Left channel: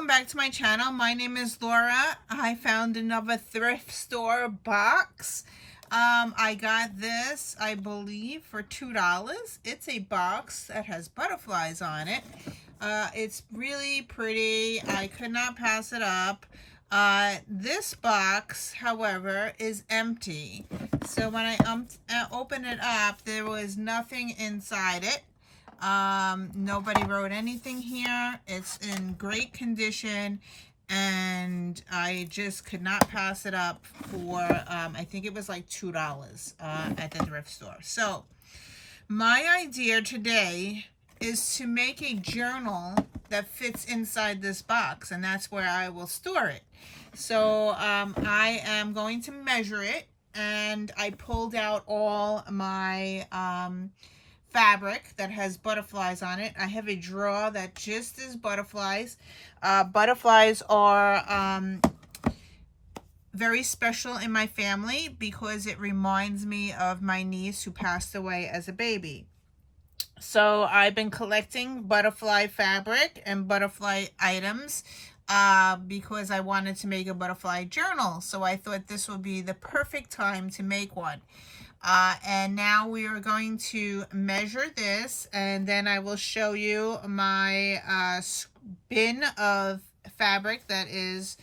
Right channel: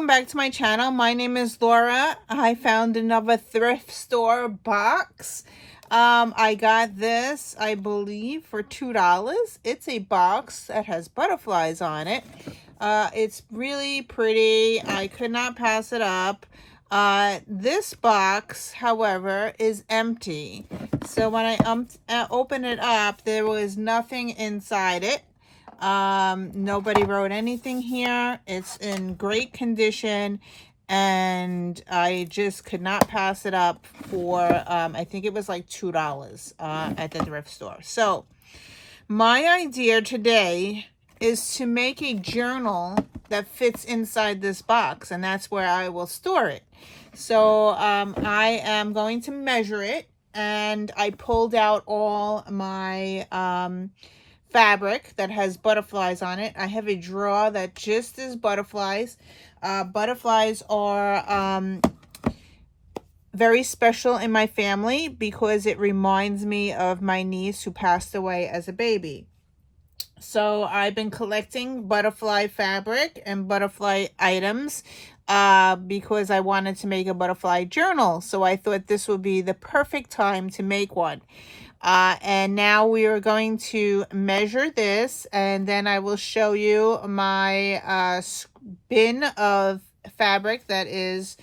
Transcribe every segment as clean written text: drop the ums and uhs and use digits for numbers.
welcome back to my channel. My name is Laura. I found another thrift store box. I got this, I believe, for $2. It's a box that has butterflies on it. It's really pretty. I could not pass it up. This box, however, is empty. So when I opened it up, there was nothing inside it. Nobody wrote anything here. It's in great condition, and I just could not pass it up for I think it was like $2 at the thrift store. So my idea today is to make a journal that fits inside this box, and that's where I will store it. So I am going to measure it, and I pulled out all my fabric that has butterflies on it. I have a drawer that just is butterflies. Butterflies are very special in my family because it reminds me of my niece who passed away as a baby. So I've been collecting butterfly fabric and butterfly items because I wanted to make a butterfly journal. So I thought this would be the perfect time to make one. And now we are going to measure this, and then I will show you my bin of fabric that is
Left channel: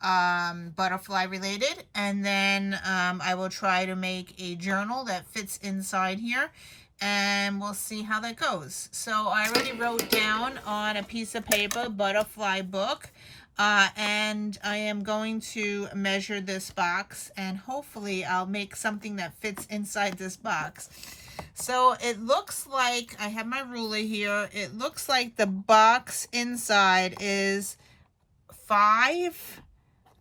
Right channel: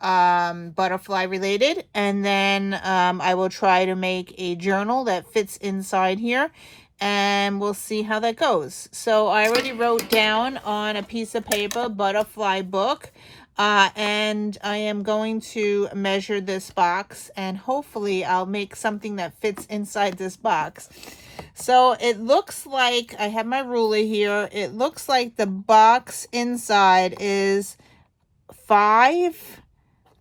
butterfly related, and then I will try to make a journal that fits inside here, and we'll see how that goes. So I already wrote down on a piece of paper butterfly book, and I am going to measure this box, and hopefully I'll make something that fits inside this box. So it looks like, I have my ruler here, it looks like the box inside is 5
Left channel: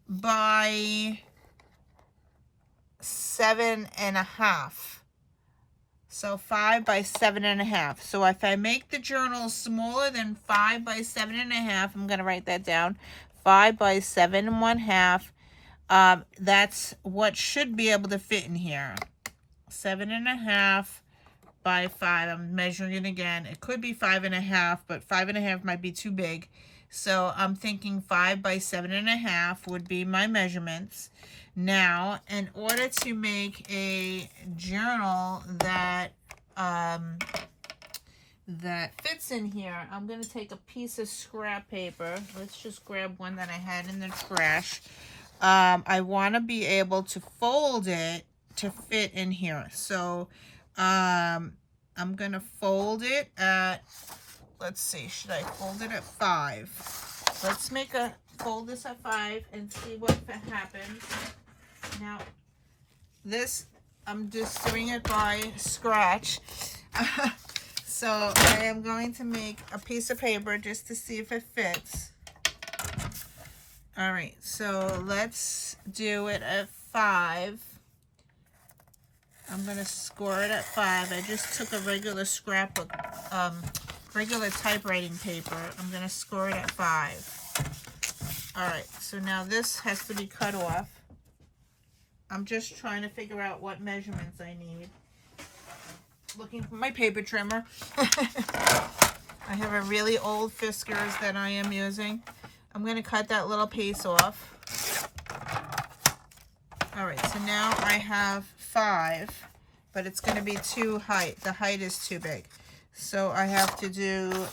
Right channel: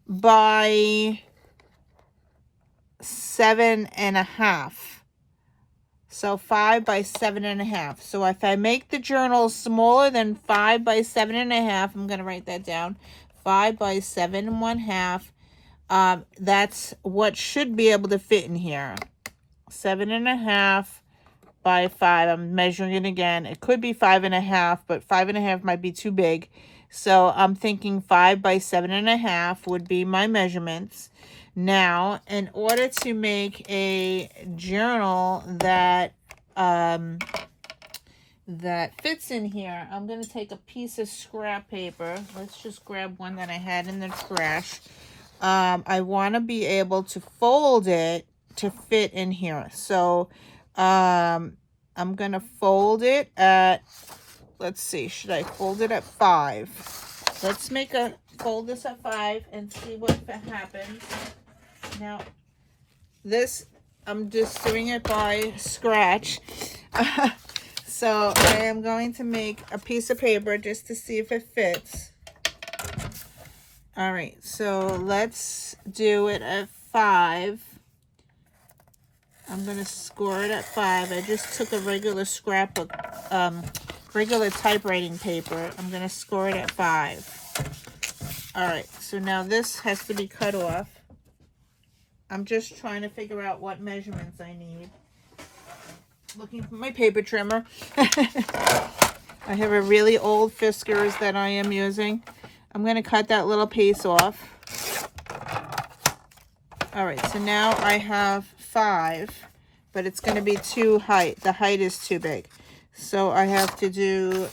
by 7.5. So 5 by 7.5. So if I make the journal smaller than 5 by 7.5, I'm going to write that down. 5 by 7.5. That's what should be able to fit in here. 7.5 by 5. I'm measuring it again. It could be 5.5, but 5.5 might be too big. So I'm thinking 5 by 7.5 would be my measurements. Now, in order to make a journal that fits in here, I'm going to take a piece of scrap paper. Let's just grab one that I had in the trash. I want to be able to fold it to fit in here. So I'm going to fold it at, let's see, should I fold it at 5? Let's fold this at 5 and see what happens. Now, this, I'm just doing it by scratch. So I am going to make a piece of paper just to see if it fits. All right, so let's do it at 5. I'm going to score it at 5. I just took a regular scrapbook, regular typewriting paper. I'm going to score it at 5. All right, so now this has to be cut off. I'm just trying to figure out what measurements I need. Looking for my paper trimmer. I have a really old Fiskars that I am using. I'm going to cut that little piece off. All right, so now I have 5, but it's going to be too height. The height is too big. So I have to do,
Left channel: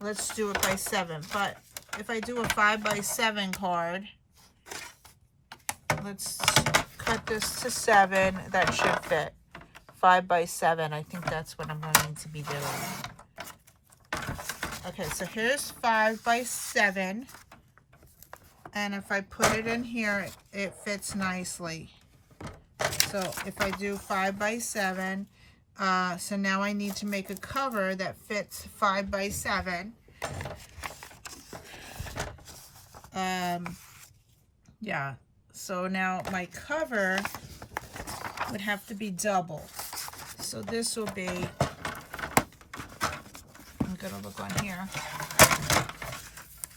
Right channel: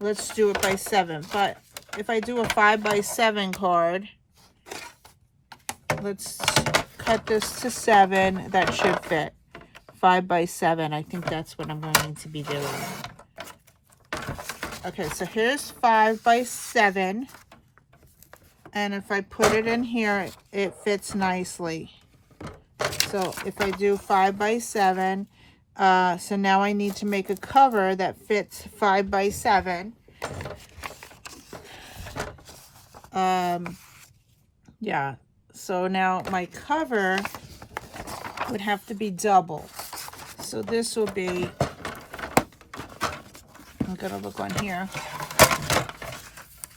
let's do it by 7. But if I do a 5 by 7 card, let's cut this to 7. That should fit. 5 by 7. I think that's what I'm going to be doing. Okay, so here's 5 by 7. And if I put it in here, it fits nicely. So if I do 5 by 7, so now I need to make a cover that fits 5 by 7. Yeah. So now my cover would have to be double. So this will be, I'm gonna look on here.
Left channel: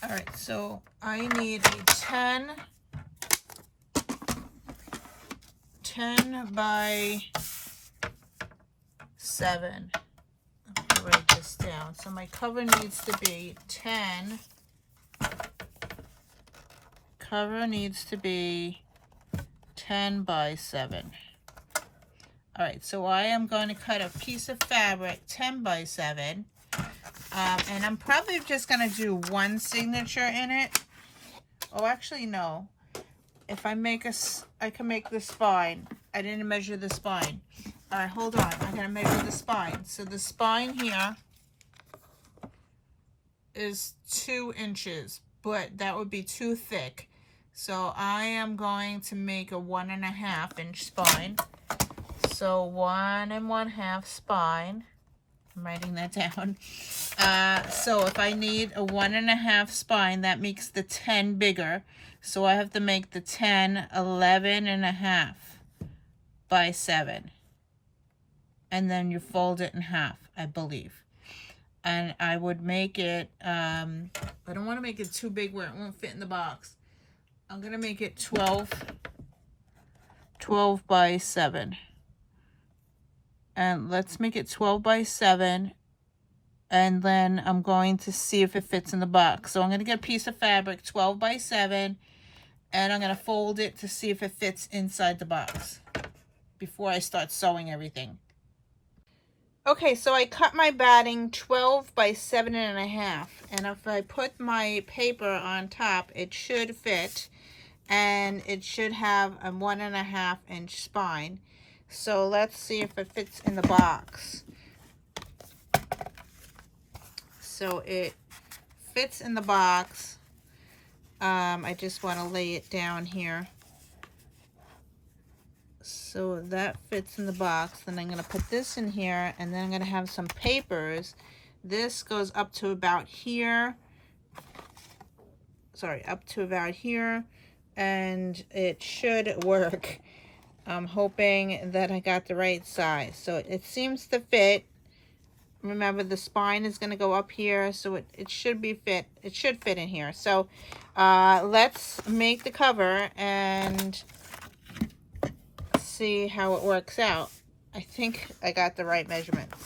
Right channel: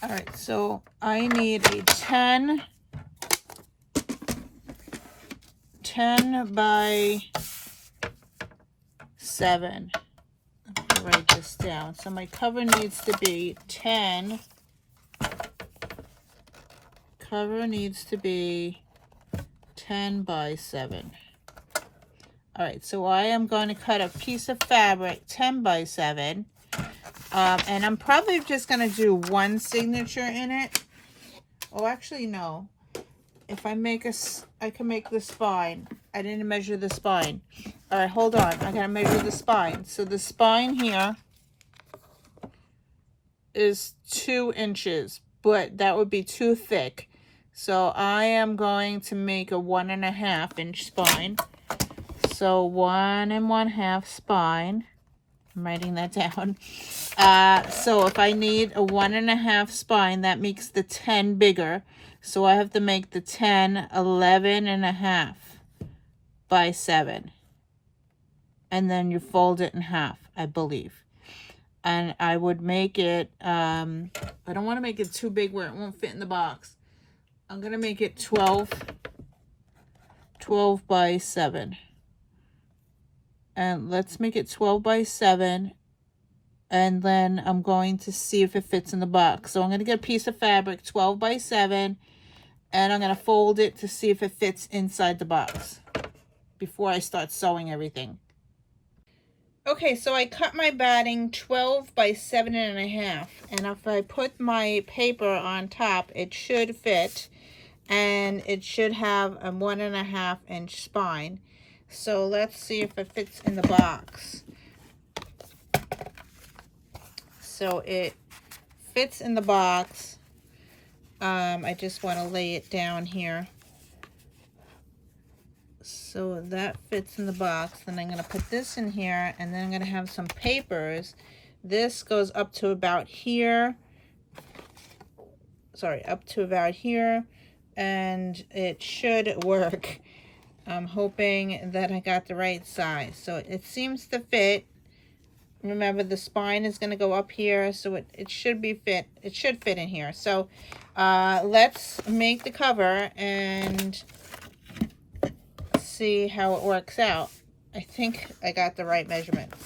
All right, so I need a 10 by 7. I'll write this down. So my cover needs to be 10 cover needs to be 10 by 7. All right, so I am going to cut a piece of fabric 10 by 7. And I'm probably just going to do one signature in it. Oh, actually, no. If I make I can make the spine. I didn't measure the spine. All right, hold on. I got to measure the spine. So the spine here is 2 inches, but that would be too thick. So I am going to make a 1.5 inch spine. So 1 1/2 spine. I'm writing that down. So if I need a 1 1/2 spine, that makes the 10 bigger. So I have to make the 10 11 1/2 by 7. And then you fold it in half, I believe. And I would make it, I don't want to make it too big where it won't fit in the box. I'm going to make it 12 by 7. And let's make it 12 by 7. And then I'm going to see if it fits in the box. So I'm going to get a piece of fabric, 12 by 7. And I'm going to fold it to see if it fits inside the box before I start sewing everything. Okay, so I cut my batting 12 by 7.5. And if I put my paper on top, it should fit. And it should have a 1 1/2 inch spine. So let's see if it fits in the box. So it fits in the box. I just want to lay it down here. So that fits in the box. Then I'm going to put this in here, and then I'm going to have some papers. This goes up to about here. Sorry, up to about here. And it should work. I'm hoping that I got the right size. So it seems to fit. Remember, the spine is going to go up here, so it should be fit. It should fit in here. So let's make the cover and see how it works out. I think I got the right measurements.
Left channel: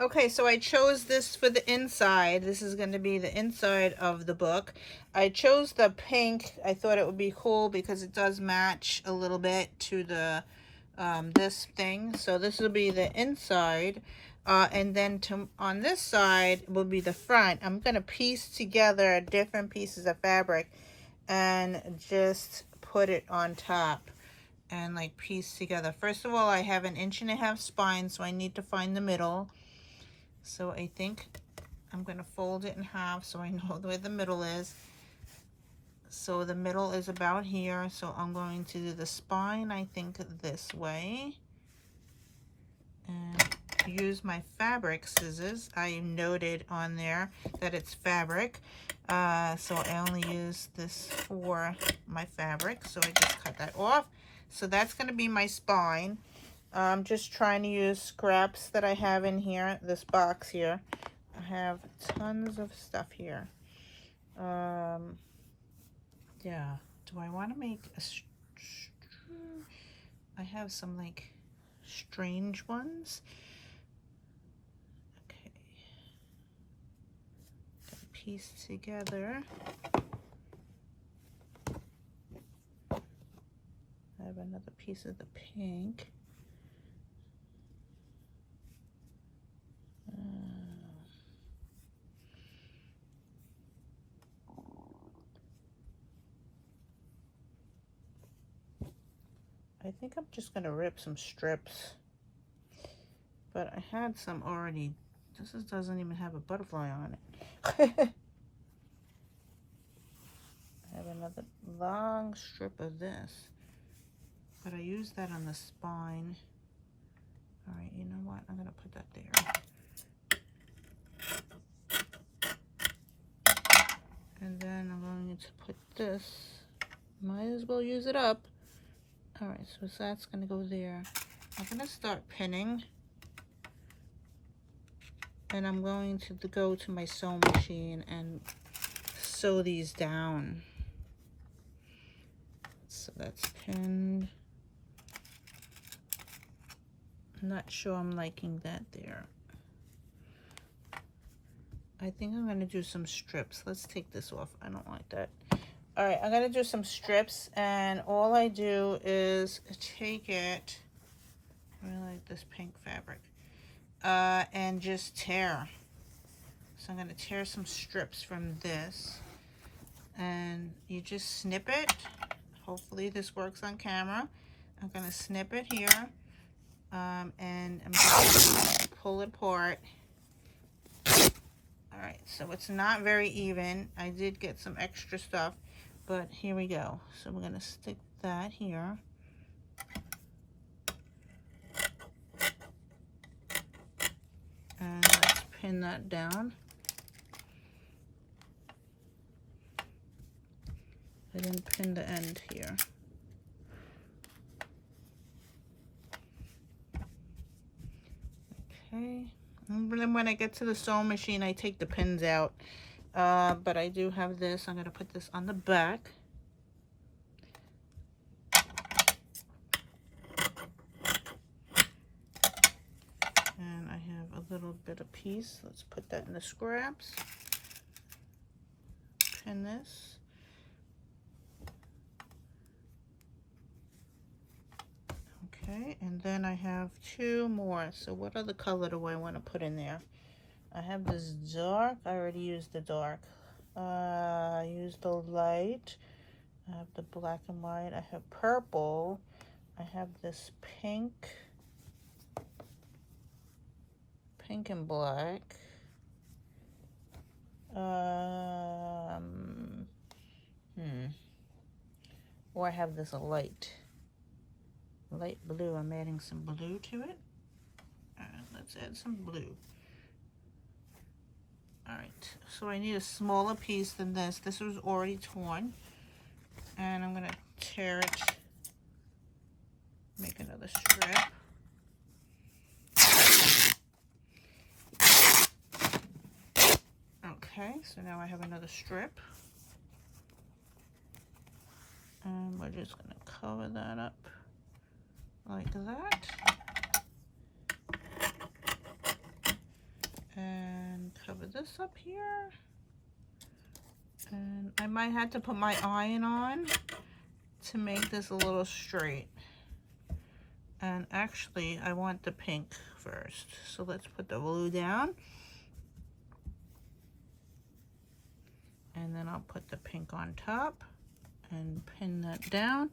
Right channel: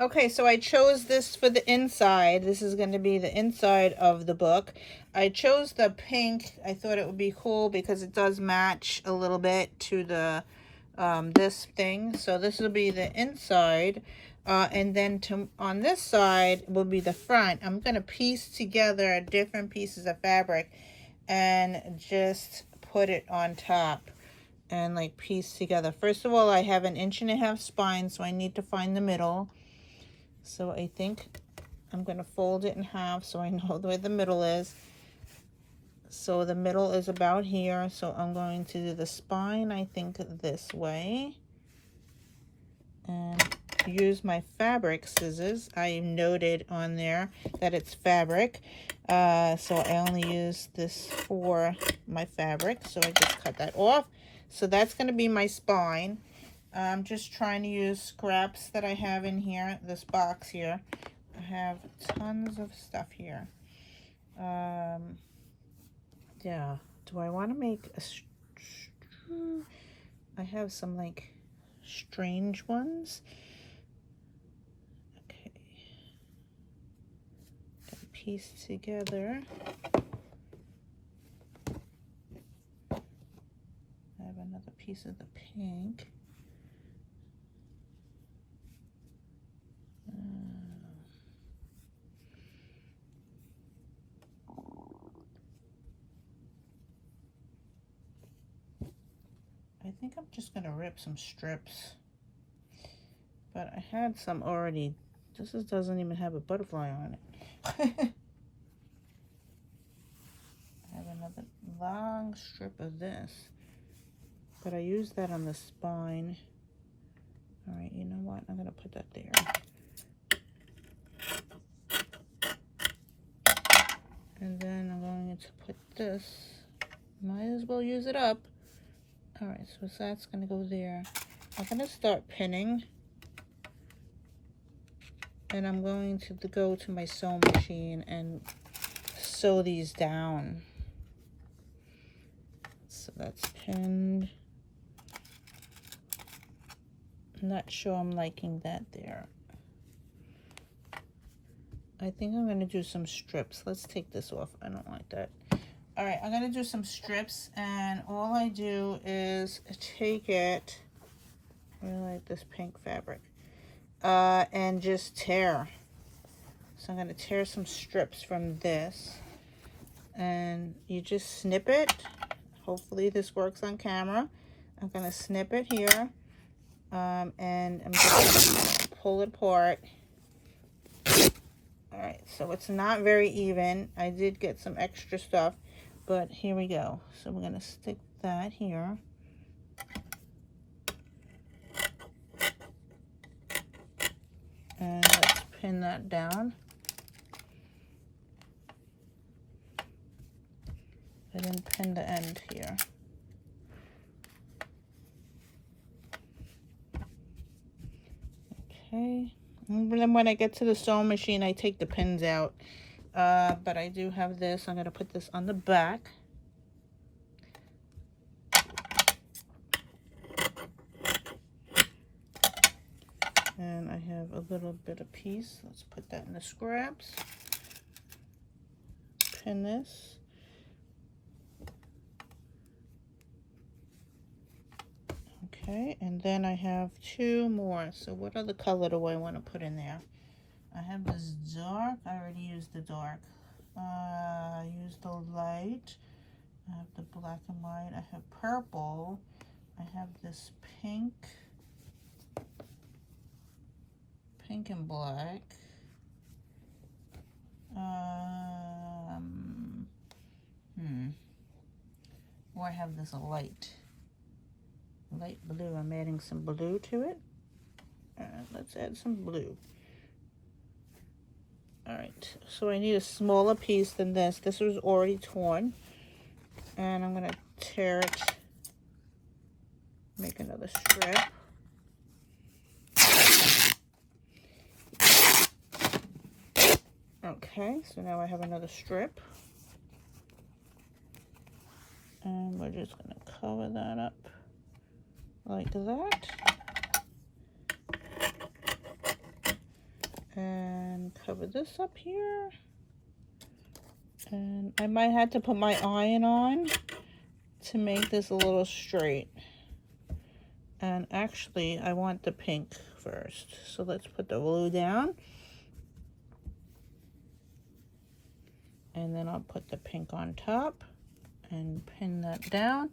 Okay, so I chose this for the inside. This is going to be the inside of the book. I chose the pink. I thought it would be cool because it does match a little bit to the this thing. So this will be the inside. And then on this side will be the front. I'm going to piece together different pieces of fabric and just put it on top and like piece together. First of all, I have an 1.5 inch spine, so I need to find the middle. So I think I'm going to fold it in half so I know where the middle is. So the middle is about here. So I'm going to do the spine, I think, this way. And use my fabric scissors. I noted on there that it's fabric. So I only use this for my fabric. So I just cut that off. So that's going to be my spine. I'm just trying to use scraps that I have in here, this box here. I have tons of stuff here. Yeah, do I want to make a... I have some like strange ones. Okay. Piece together. I have another piece of the pink. I think I'm just going to rip some strips. But I had some already. This doesn't even have a butterfly on it. I have another long strip of this. But I used that on the spine. Alright, you know what? I'm going to put that there. And then I'm going to put this. Might as well use it up. Alright, so that's going to go there. I'm going to start pinning. And I'm going to go to my sewing machine and sew these down. So that's pinned. I'm not sure I'm liking that there. I think I'm going to do some strips. Let's take this off. I don't like that. All right, I'm going to do some strips, and all I do is take it, I really like this pink fabric, and just tear. So I'm going to tear some strips from this, and you just snip it. Hopefully this works on camera. I'm going to snip it here, and I'm just going to pull it apart. All right, so it's not very even. I did get some extra stuff, but here we go. So we're gonna stick that here. And let's pin that down. I didn't pin the end here. Okay. And then when I get to the sewing machine, I take the pins out. But I do have this. I'm going to put this on the back. And I have a little bit of piece. Let's put that in the scraps. Pin this. Okay, and then I have two more. So what other color do I want to put in there? I have this dark. I already used the dark. I used the light. I have the black and white. I have purple. I have this pink. Pink and black. Or I have this light blue. I'm adding some blue to it. Let's add some blue. All right, so I need a smaller piece than this. This was already torn, and I'm gonna tear it, make another strip. Okay, so now I have another strip, and we're just gonna cover that up like that. And cover this up here. And I might have to put my iron on to make this a little straight. And actually, I want the pink first. So let's put the blue down. And then I'll put the pink on top and pin that down.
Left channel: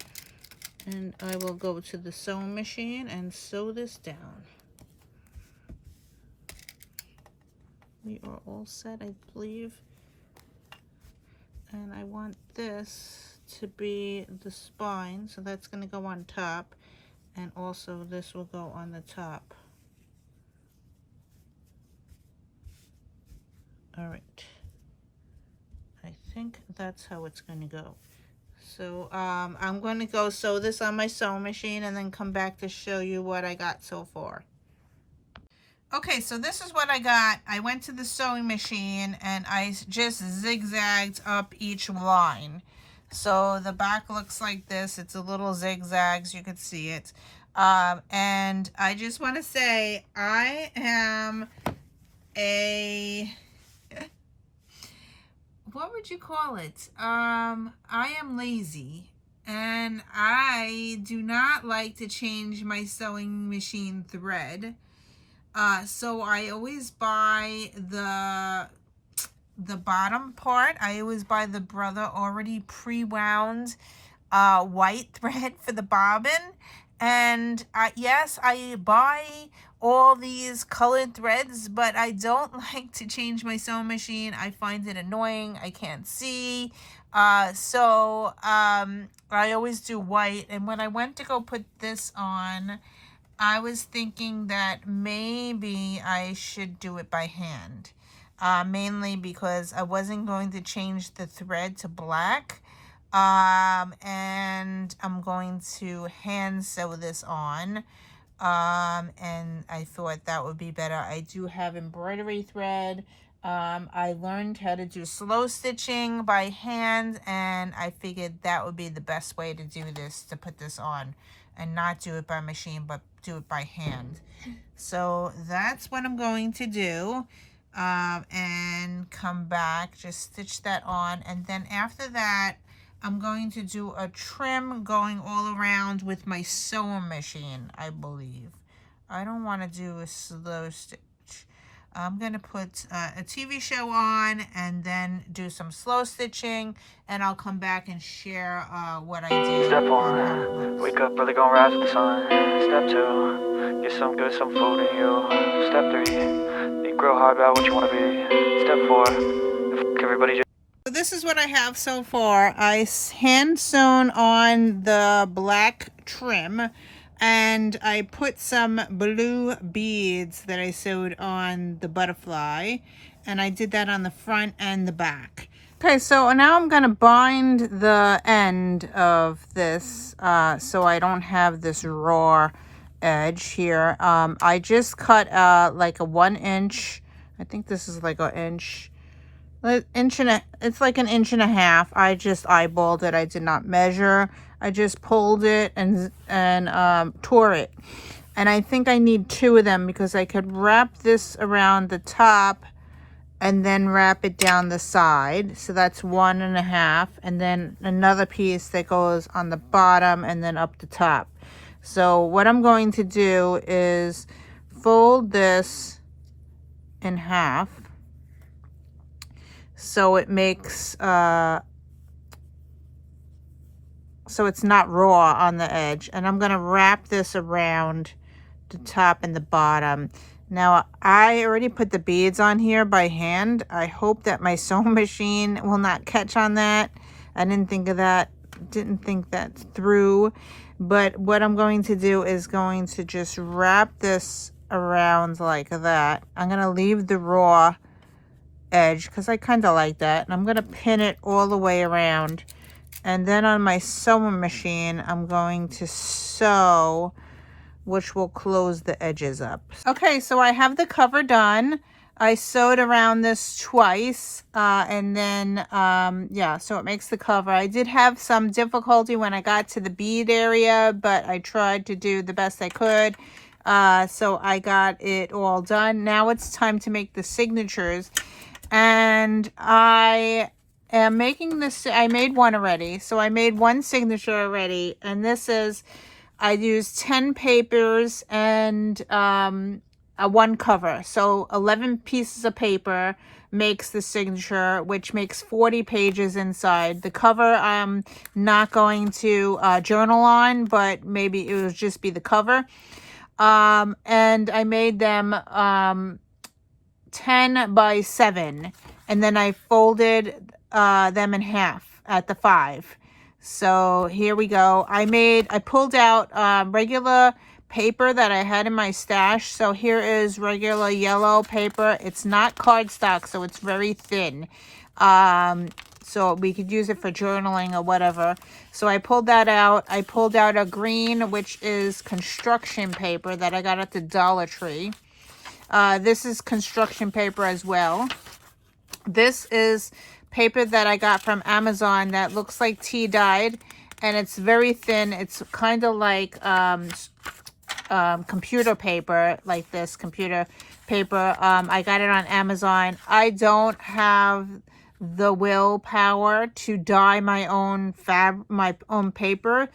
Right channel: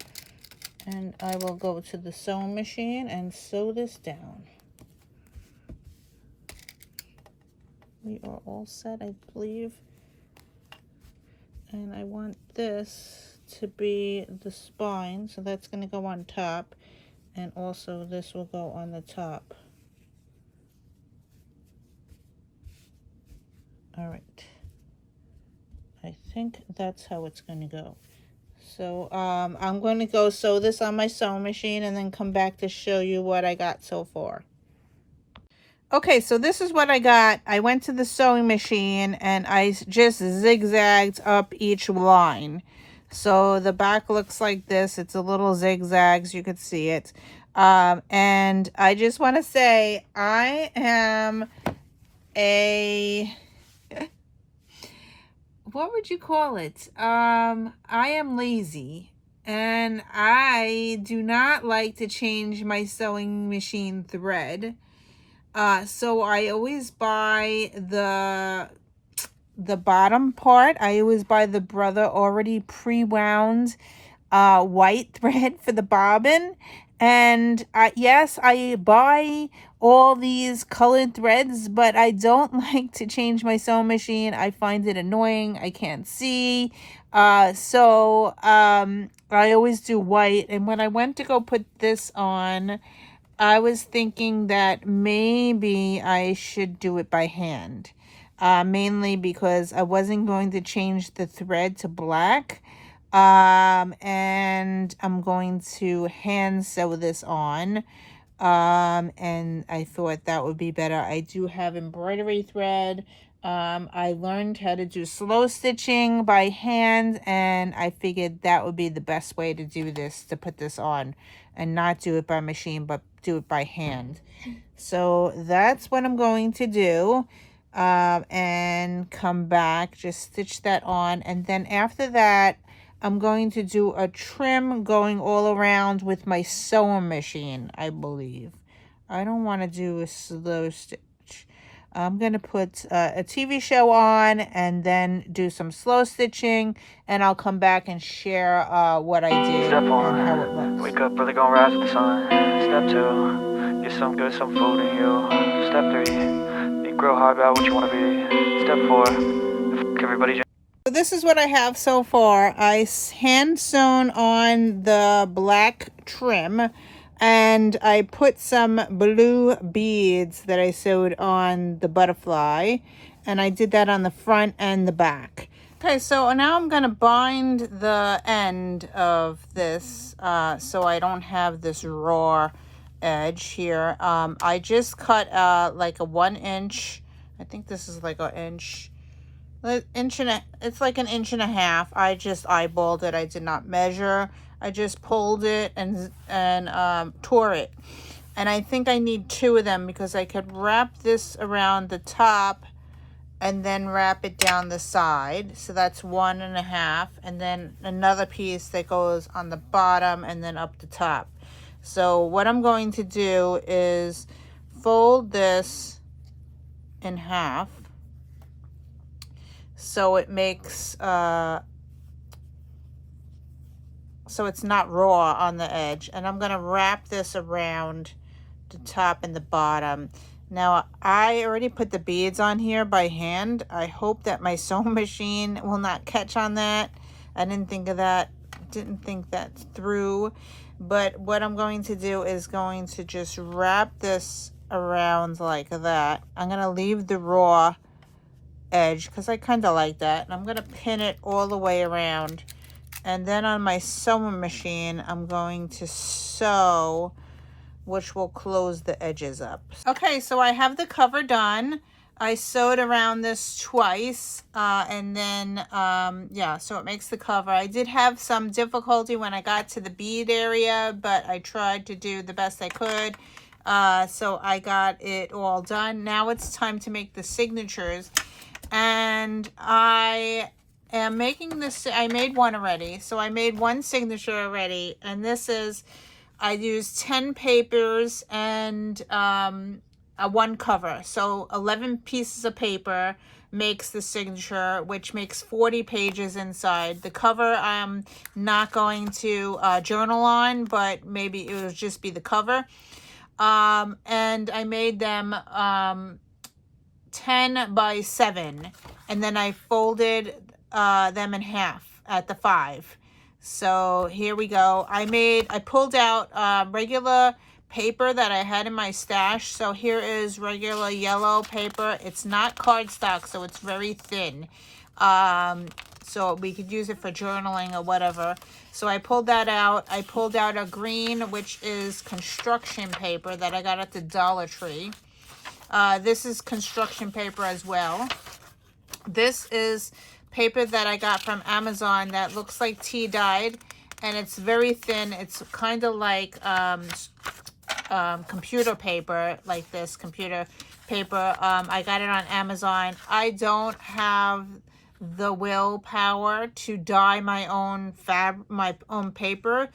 And I will go to the sewing machine and sew this down. We are all set, I believe. And I want this to be the spine, so that's going to go on top. And also this will go on the top. All right. I think that's how it's going to go. So I'm going to go sew this on my sewing machine and then come back to show you what I got so far. Okay, so this is what I got. I went to the sewing machine and I just zigzagged up each line. So the back looks like this. It's a little zigzags. You can see it. And I just want to say I am what would you call it? I am lazy. And I do not like to change my sewing machine thread. So I always buy the bottom part. I always buy the Brother already pre-wound white thread for the bobbin. And yes, I buy all these colored threads, but I don't like to change my sewing machine. I find it annoying. I can't see. So I always do white. And when I went to go put this on, I was thinking that maybe I should do it by hand, mainly because I wasn't going to change the thread to black, and I'm going to hand sew this on, and I thought that would be better. I do have embroidery thread. I learned how to do slow stitching by hand, and I figured that would be the best way to do this, to put this on and not do it by machine, but do it by hand. So that's what I'm going to do. and come back, just stitch that on, and then after that I'm going to do a trim going all around with my sewing machine, I believe. I don't want to do a slow stitch. I'm going to put a TV show on and then do some slow stitching, and I'll come back and share what I did. Step and how it looks. 1, wake up early, gonna rise with the sun. Step 2, get some good, some food in you. Step 3, think real hard about what you want to be. Step 4, everybody just... So this is what I have so far. I hand sewn on the black trim, and I put some blue beads that I sewed on the butterfly, and I did that on the front and the back. Okay, so now I'm going to bind the end of this so I don't have this raw edge here. I just cut like a 1 inch, I think this is like an inch and it's like an inch and a half. I just eyeballed it. I did not measure. I just pulled it and tore it. And I think I need 2 of them because I could wrap this around the top and then wrap it down the side. So that's 1.5, and then another piece that goes on the bottom and then up the top. So what I'm going to do is fold this in half so it makes so it's not raw on the edge, and I'm going to wrap this around the top and the bottom. Now I already put the beads on here by hand. I hope that my sewing machine will not catch on that. I didn't think of that, didn't think that through. But what I'm going to do is going to just wrap this around like that. I'm going to leave the raw edge because I kind of like that, and I'm going to pin it all the way around. And then on my sewing machine I'm going to sew, which will close the edges up. Okay, so I have the cover done. I sewed around this twice, and then, yeah, so it makes the cover. I did have some difficulty when I got to the bead area, but I tried to do the best I could. So I got it all done. Now it's time to make the signatures. And I am making this, I made one already. So I made 1 signature already, and this is, I used 10 papers and a 1 cover. So 11 pieces of paper makes the signature, which makes 40 pages inside. The cover I'm not going to journal on, but maybe it will just be the cover. And I made them 10 by 7, and then I folded them in half at the 5. So here we go. I pulled out regular paper that I had in my stash. So here is regular yellow paper. It's not cardstock, so it's very thin. So we could use it for journaling or whatever. So I pulled that out. I pulled out a green, which is construction paper that I got at the Dollar Tree. This is construction paper as well. This is paper that I got from Amazon that looks like tea dyed, and it's very thin. It's kind of like computer paper, like this computer paper. I got it on Amazon. I don't have the willpower to dye my own paper.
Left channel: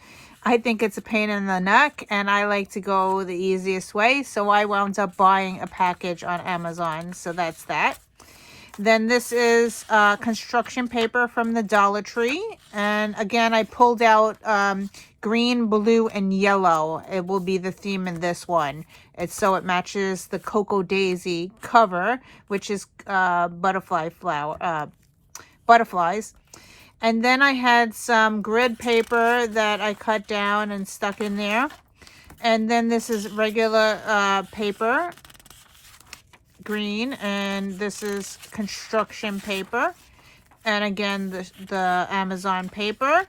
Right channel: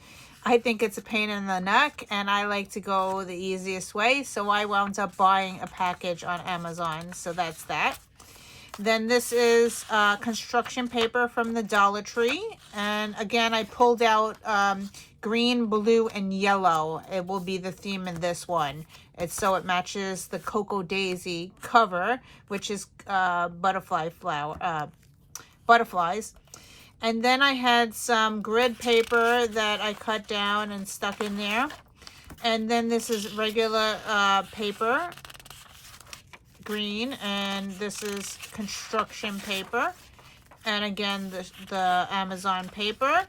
I think it's a pain in the neck, and I like to go the easiest way, so I wound up buying a package on Amazon. So that's that. Then this is construction paper from the Dollar Tree, and again I pulled out green, blue, and yellow. It will be the theme in this one. It's so it matches the Cocoa Daisy cover, which is butterflies. And then I had some grid paper that I cut down and stuck in there. And then this is regular paper, green, and this is construction paper. And again, the Amazon paper.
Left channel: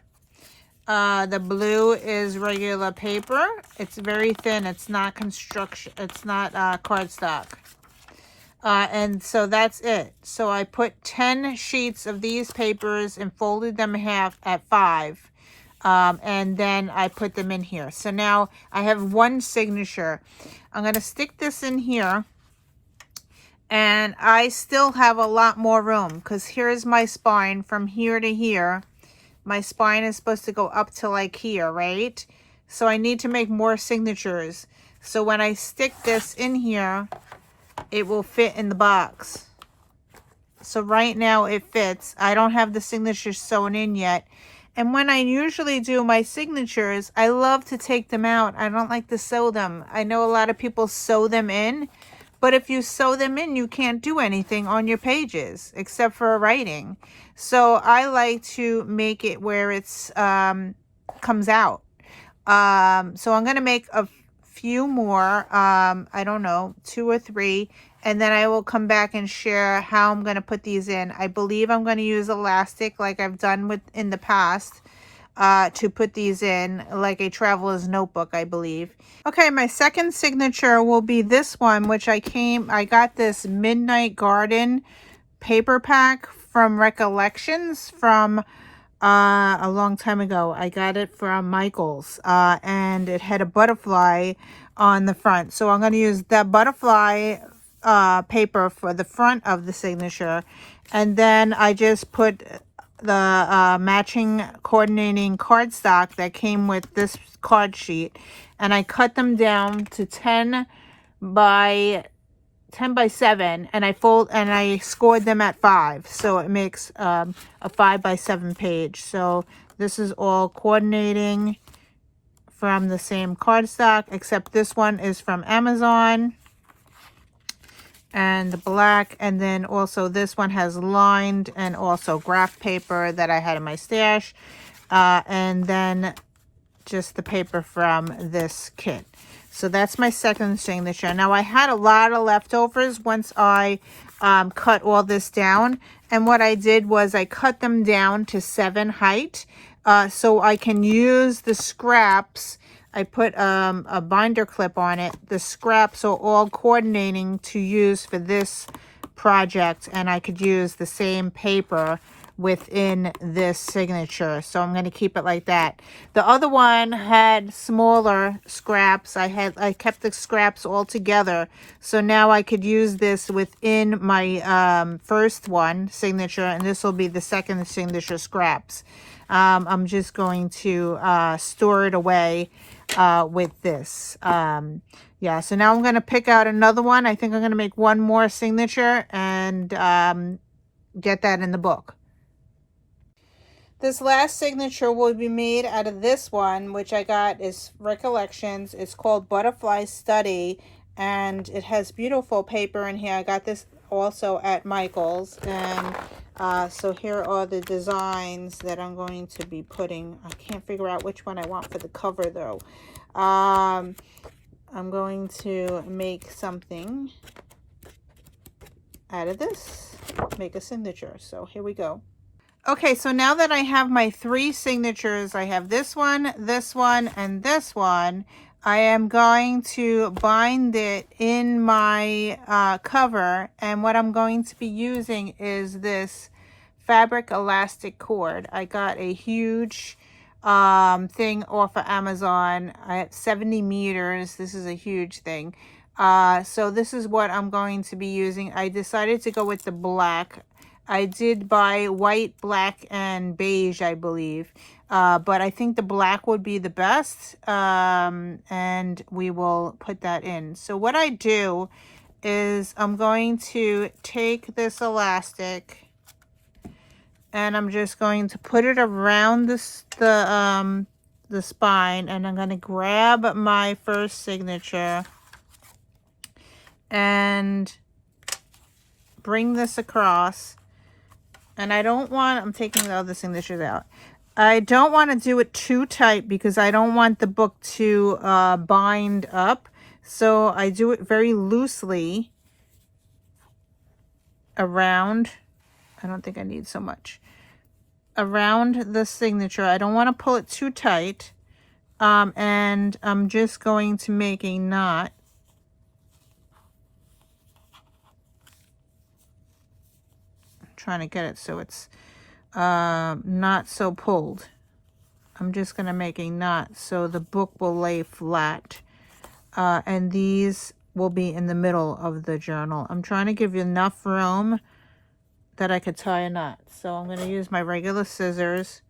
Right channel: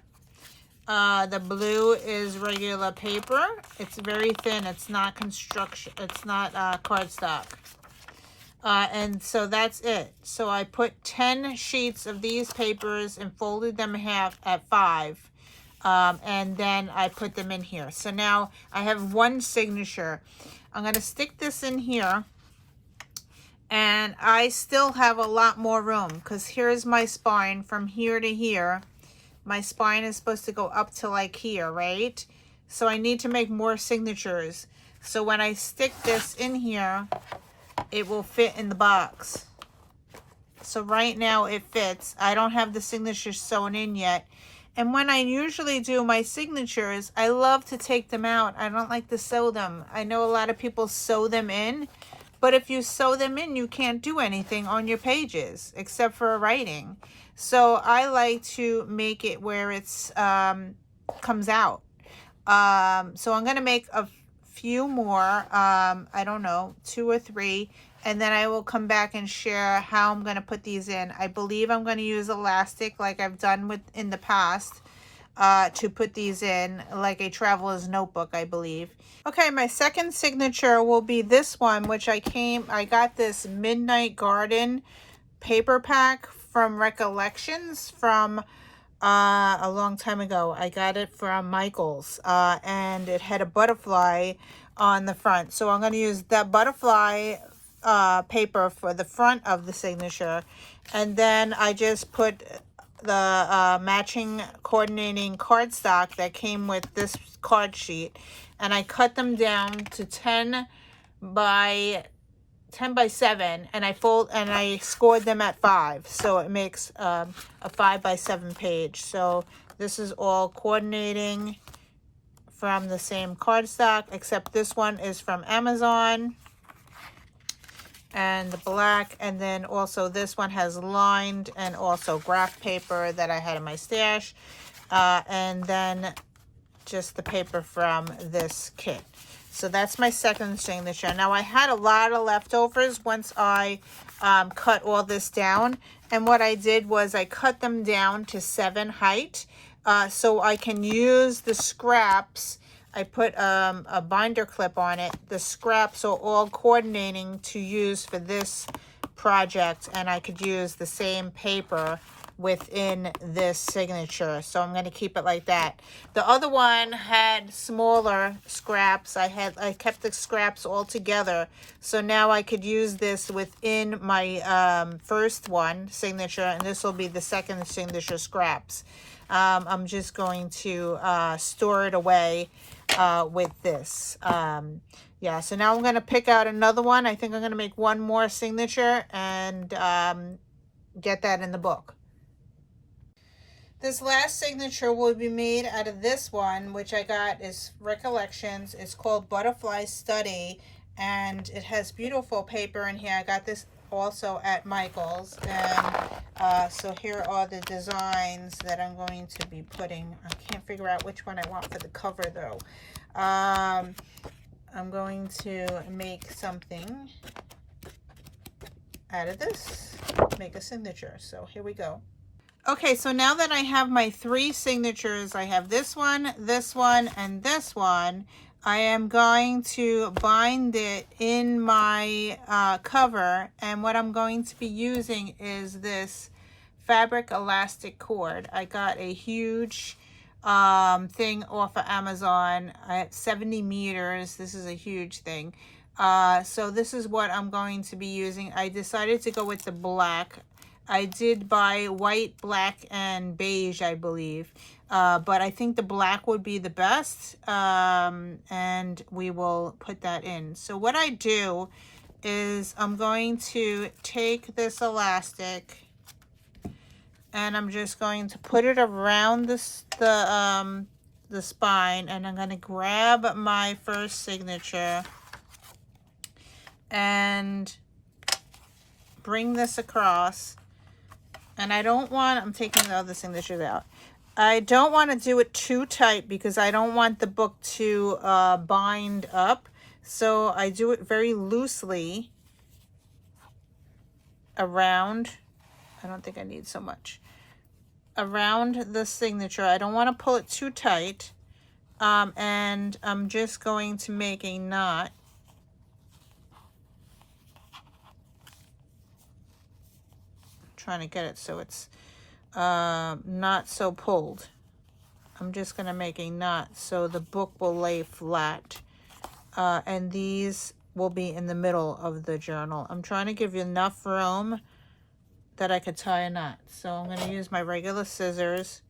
The blue is regular paper. It's very thin. It's not construction. It's not cardstock. And so that's it. So I put 10 sheets of these papers and folded them in half at 5. And then I put them in here. So now I have 1 signature. I'm going to stick this in here. And I still have a lot more room because here's my spine from here to here. My spine is supposed to go up to like here, right? So I need to make more signatures. So when I stick this in here, it will fit in the box. So right now it fits. I don't have the signatures sewn in yet. And when I usually do my signatures, I love to take them out. I don't like to sew them. I know a lot of people sew them in, but if you sew them in, you can't do anything on your pages except for writing. So I like to make it where it's comes out. So I'm going to make a few more, I don't know, 2 or 3, and then I will come back and share how I'm going to put these in. I believe I'm going to use elastic like I've done with in the past to put these in, like a traveler's notebook, I believe. Okay, my second signature will be this one, which I got this Midnight Garden paper pack from Recollections from a long time ago. I got it from Michael's, and it had a butterfly on the front. So I'm going to use that butterfly paper for the front of the signature. And then I just put the matching coordinating cardstock that came with this card sheet. And I cut them down to 10 by 7, and I scored them at 5, so it makes a 5 by 7 page. So this is all coordinating from the same cardstock, except this one is from Amazon and black, and then also this one has lined and also graph paper that I had in my stash, and then just the paper from this kit. So that's my second signature. Now I had a lot of leftovers once I cut all this down, and what I did was I cut them down to 7 height so I can use the scraps. I put a binder clip on it. The scraps are all coordinating to use for this project, and I could use the same paper within this signature, so I'm going to keep it like that. The other one had smaller scraps. I kept the scraps all together, so now I could use this within my first one signature, and this will be the second signature scraps. I'm just going to store it away with this. Yeah, so now I'm going to pick out another one. I think I'm going to make one more signature and get that in the book. This last signature will be made out of this one, which I got is Recollections. It's called Butterfly Study, and it has beautiful paper in here. I got this also at Michael's, and so here are the designs that I'm going to be putting. I can't figure out which one I want for the cover though. I'm going to make something out of this, make a signature. So here we go. Okay, so now that I have my 3 signatures, I have this one, and this one, I am going to bind it in my cover, and what I'm going to be using is this fabric elastic cord. I got a huge thing off of Amazon. I have 70 meters. This is a huge thing. So this is what I'm going to be using. I decided to go with the black. I did buy white, black, and beige, I believe. But I think the black would be the best. And we will put that in. So what I do is I'm going to take this elastic and I'm just going to put it around the spine, and I'm going to grab my first signature and bring this across. And I don't want, I'm taking the other signatures out. I don't want to do it too tight because I don't want the book to bind up. So I do it very loosely around, I don't think I need so much, around the signature. I don't want to pull it too tight. And I'm just going to make a knot. Trying to get it so it's not so pulled. I'm just going to make a knot so the book will lay flat, and these will be in the middle of the journal. I'm trying to give you enough room that I could tie a knot. So I'm going to use my regular scissors.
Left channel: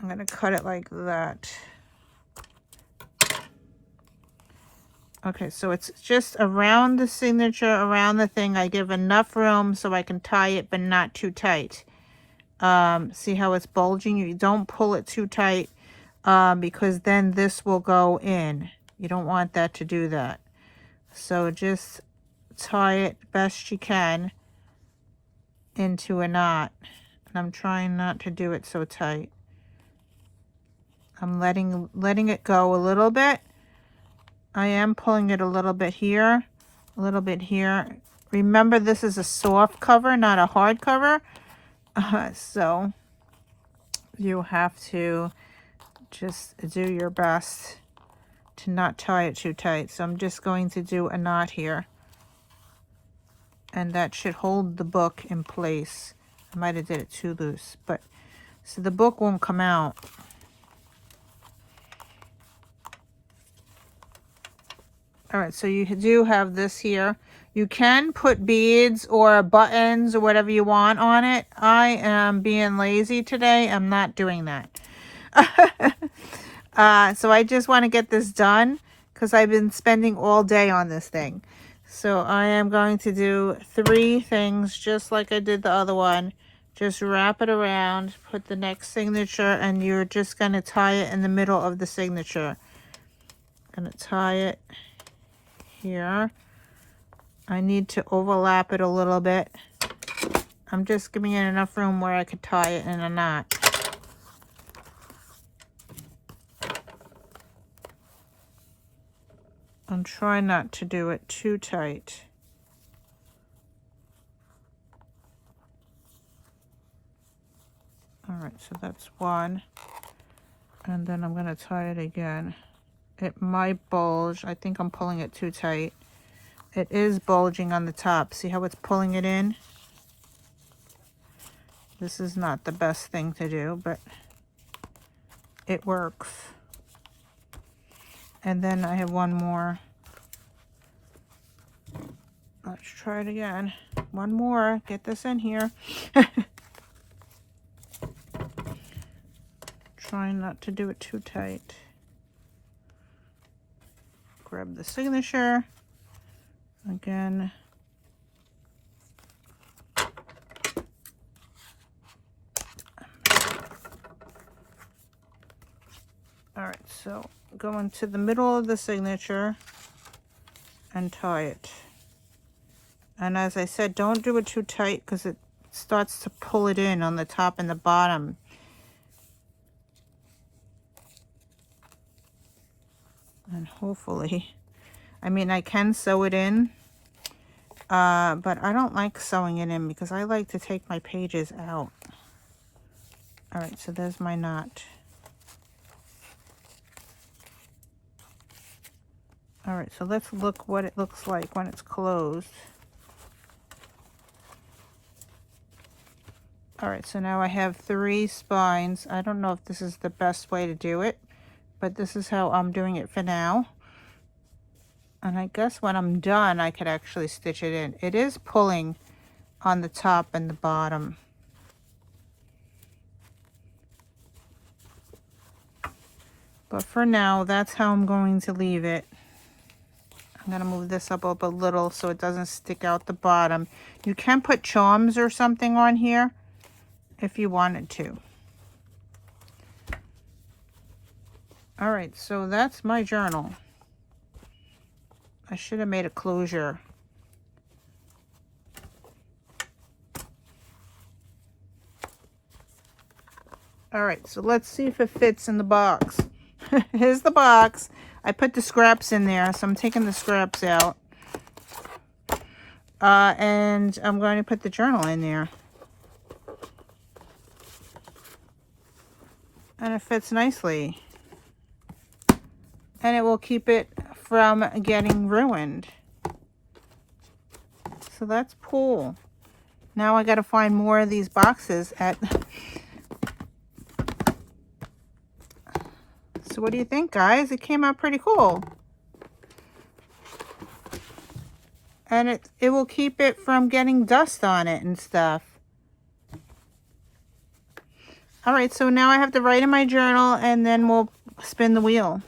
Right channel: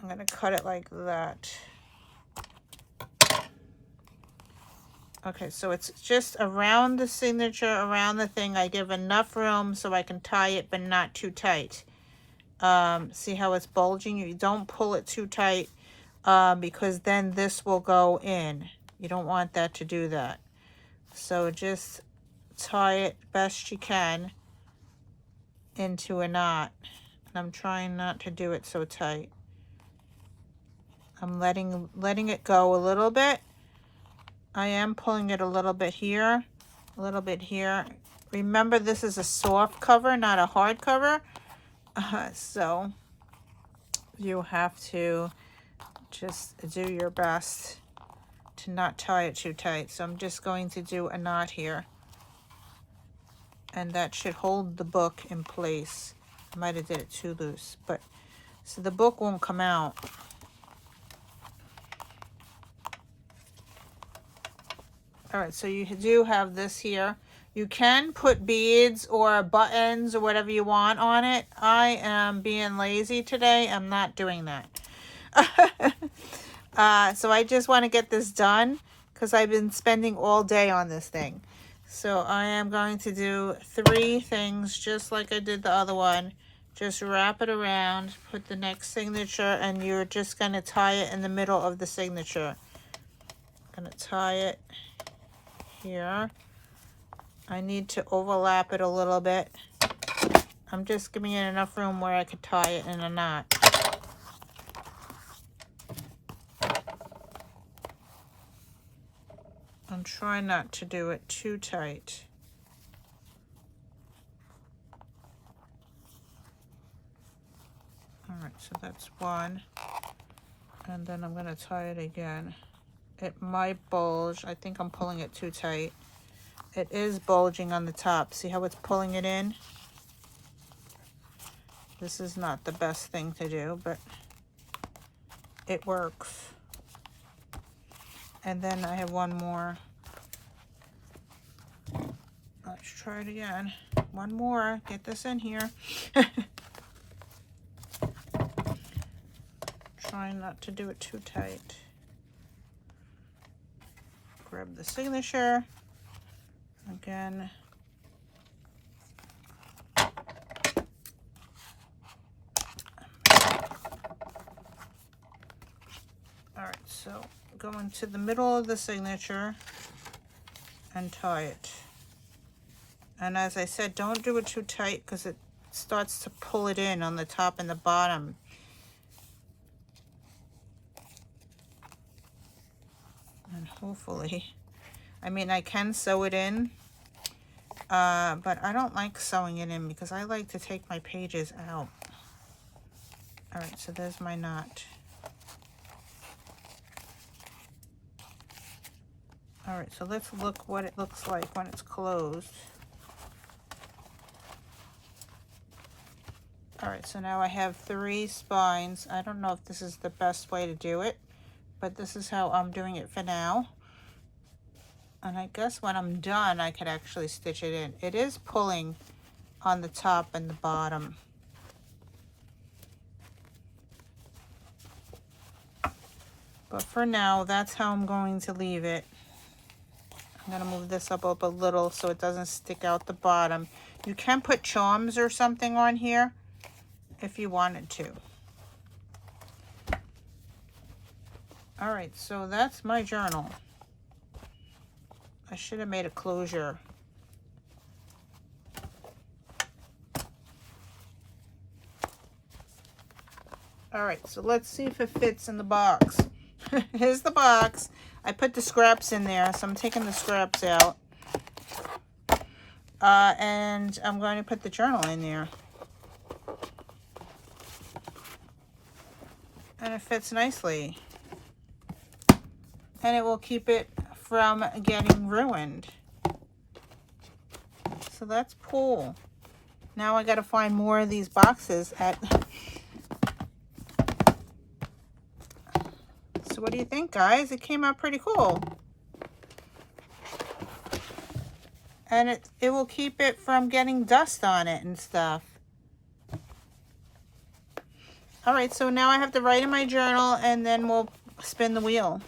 I'm going to cut it like that. Okay, so it's just around the signature, around the thing. I give enough room so I can tie it, but not too tight. See how it's bulging? You don't pull it too tight because then this will go in. You don't want that to do that. So just tie it best you can into a knot. And I'm trying not to do it so tight. I'm letting it go a little bit. I am pulling it a little bit here, a little bit here. Remember, this is a soft cover, not a hard cover. So you have to just do your best to not tie it too tight. So I'm just going to do a knot here. And that should hold the book in place. I might have did it too loose, but so the book won't come out. All right, so you do have this here. You can put beads or buttons or whatever you want on it. I am being lazy today. I'm not doing that. So I just want to get this done because I've been spending all day on this thing. So I am going to do 3 things just like I did the other one. Just wrap it around, put the next signature, and you're just going to tie it in the middle of the signature. I'm going to tie it here. I need to overlap it a little bit. I'm just giving it enough room where I could tie it in a knot. And try not to do it too tight. All right, so that's one. And then I'm going to tie it again. It might bulge. I think I'm pulling it too tight. It is bulging on the top. See how it's pulling it in? This is not the best thing to do, but it works. And then I have one more. Let's try it again. One more. Get this in here. Trying not to do it too tight. Grab the signature. Again. Alright, so go into the middle of the signature and tie it. And as I said, don't do it too tight because it starts to pull it in on the top and the bottom. And hopefully, I mean, I can sew it in, but I don't like sewing it in because I like to take my pages out. All right, so there's my knot. All right, so let's look what it looks like when it's closed. All right, so now I have 3 spines. I don't know if this is the best way to do it, but this is how I'm doing it for now. And I guess when I'm done, I could actually stitch it in. It is pulling on the top and the bottom. But for now, that's how I'm going to leave it. I'm going to move this up a little so it doesn't stick out the bottom. You can put charms or something on here if you wanted to. All right, so that's my journal. I should have made a closure. All right, so let's see if it fits in the box. Here's the box. I put the scraps in there, so I'm taking the scraps out. And I'm going to put the journal in there. And it fits nicely. And it will keep it from getting ruined. So that's cool. Now I gotta find more of these boxes So what do you think, guys? It came out pretty cool. and it will keep it from getting dust on it and stuff. All right, so now I have to write in my journal and then we'll spin the wheel.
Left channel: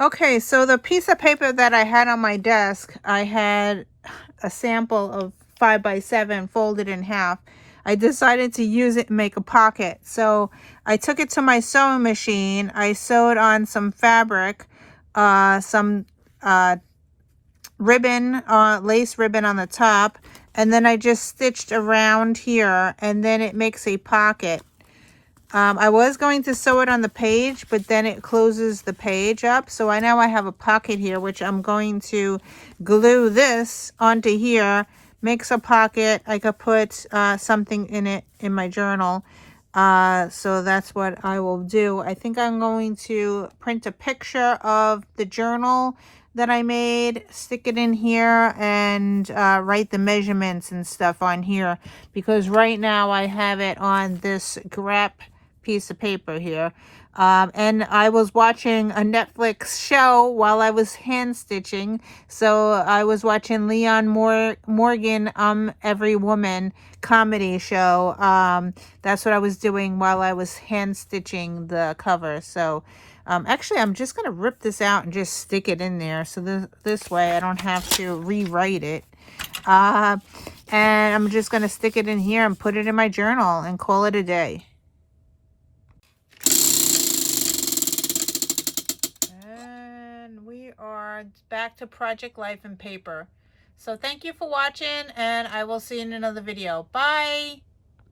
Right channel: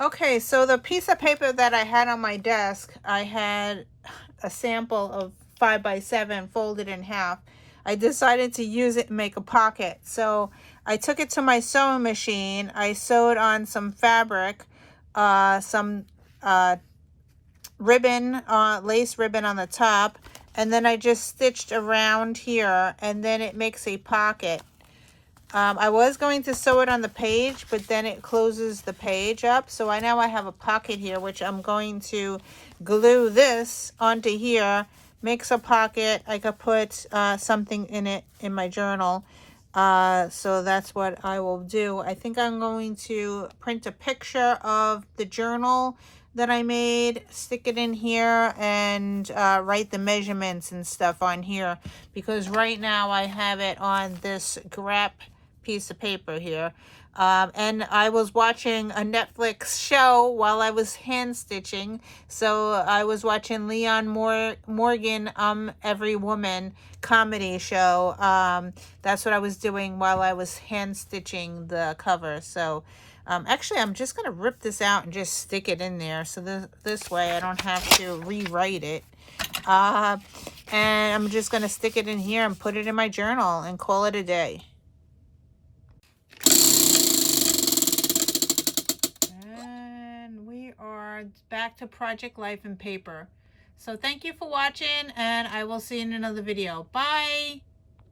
Okay, so the piece of paper that I had on my desk, I had a sample of 5x7 folded in half. I decided to use it and make a pocket. So I took it to my sewing machine. I sewed on some fabric, some ribbon, lace ribbon on the top, and then I just stitched around here, and then it makes a pocket. I was going to sew it on the page, but then it closes the page up. So I now I have a pocket here, which I'm going to glue this onto here, makes a pocket. I could put something in it in my journal. So that's what I will do. I think I'm going to print a picture of the journal that I made, stick it in here, and write the measurements and stuff on here, because right now I have it on this grep piece of paper here. And I was watching a Netflix show while I was hand stitching. So I was watching Leon Morgan, Every Woman comedy show. That's what I was doing while I was hand stitching the cover. So actually, I'm just going to rip this out and just stick it in there. So this way I don't have to rewrite it. And I'm just going to stick it in here and put it in my journal and call it a day. And we are back to Project Life and Paper. So thank you for watching, and I will see you in another video. Bye!